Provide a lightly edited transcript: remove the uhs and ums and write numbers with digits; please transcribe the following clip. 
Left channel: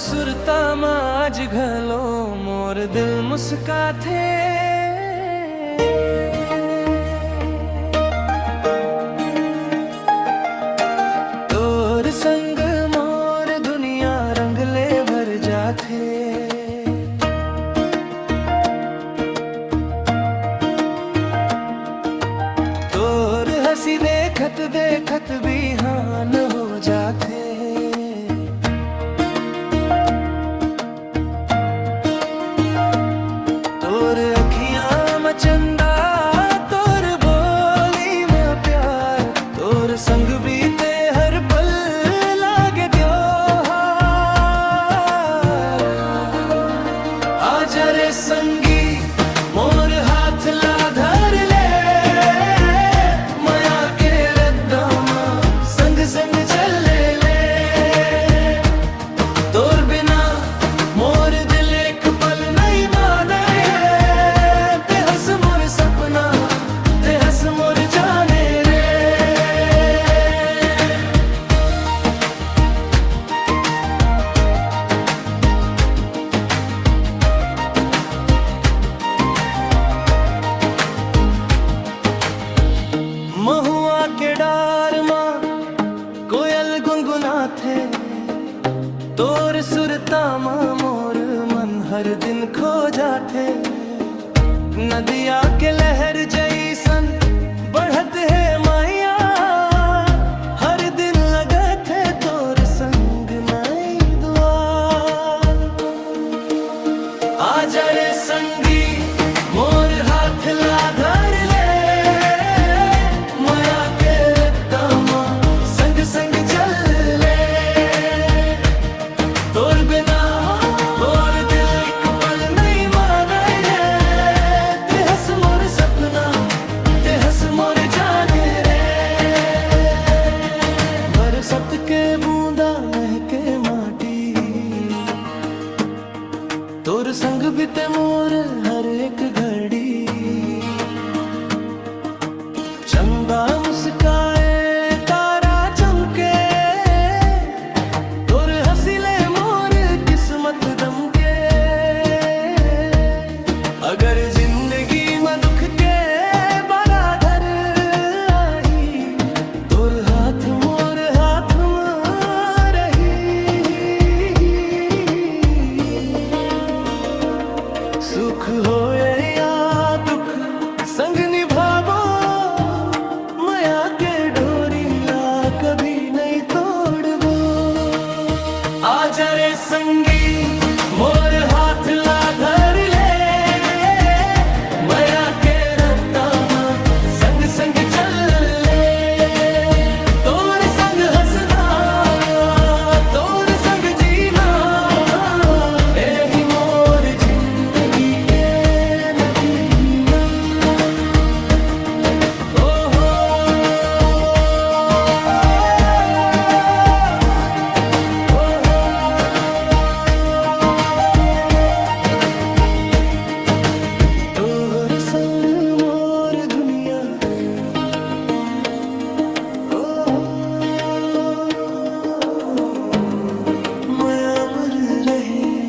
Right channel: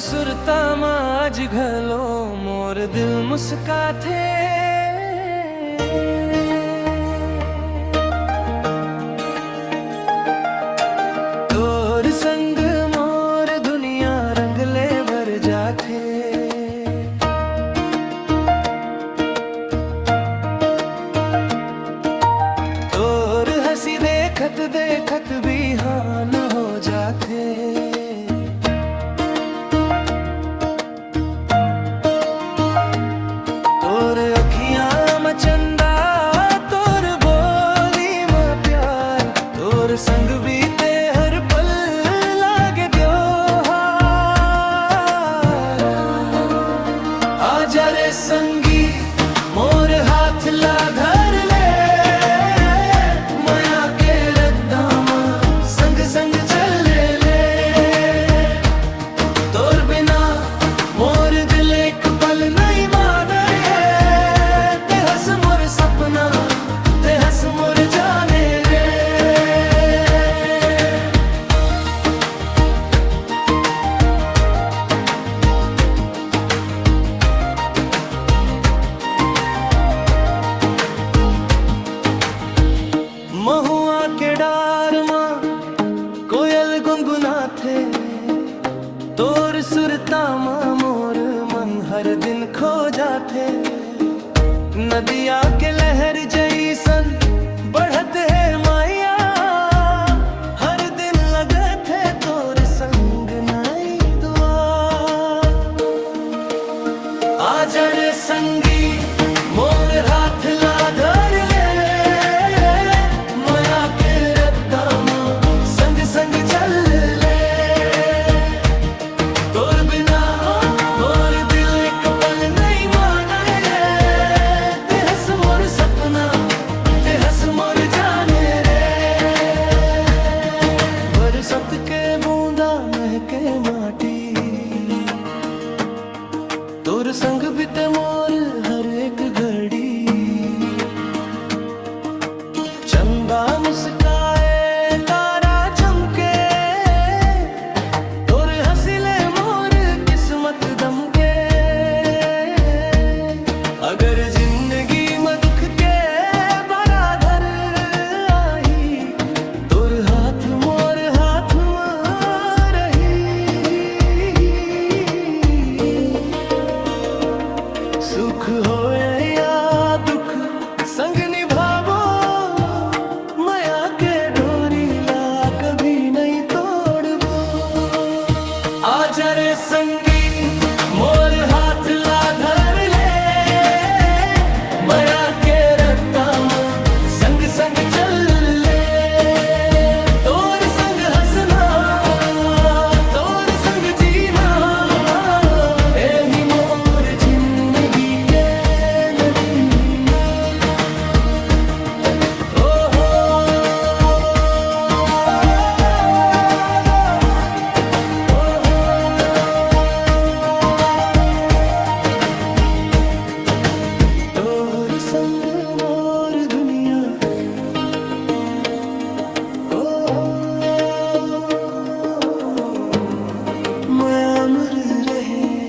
सुरता आज घलो मोर दिल मुस्का थे। तोर संग मोर दुनिया रंगले भर जाथे। तोर हंसी देखत देखत बिहान हो जाथे। तोर अखियां में चंदा तोर बोली में प्यार, तोर संग बीते हर पल लागे त्योहार। आजा रे संगी मोर हाथ ला धर ले, माया के रद्दा में संग संग चल ले। तोर बिना मोर दिल एक पल नहीं माने, ते हंस मोर सपना ते हंस मोर जाने रे। महुआ के डार मां कोयल गुनगुना थे। तोर सुरता मां मोर मन हर दिन खो जाथे। नदिया के लहर जैसन बढ़त है माया, हर दिन लगत है तोर संग नई दुआ। आजा रे संगी मोर हाथ ला धर ले, माया के रद्दा मां संग संग चल ले। तोर बिना मोर दिल एक पल नहीं माने, ते हंस मोर सपना ते हंस मोर जाने रे। बरसत के बूंदा महके माटी, तोर संग बीते मोर हर एक घड़ी। चंदा मुस्काए तारा चमके, तोर हंसिले मोर किस्मत दमके। अगर जिंदगी में दुख के बराधर आई, तोर हाथ मोर हाथ में रही। सुख होए या दुख संग निभावो, माया के डोरी ला कभी नहीं तोड़बो। आजा रे संगी मोर हाथ ला धर ले, माया के रद्दा में संग संग चल ले। तोर संग हंसना तोर संग जीना, एही मोर जिंदगी के नगीना। ओ हो ओ हो, तोर संग मोर दुनिया ओ हो, मैं अमर रहे।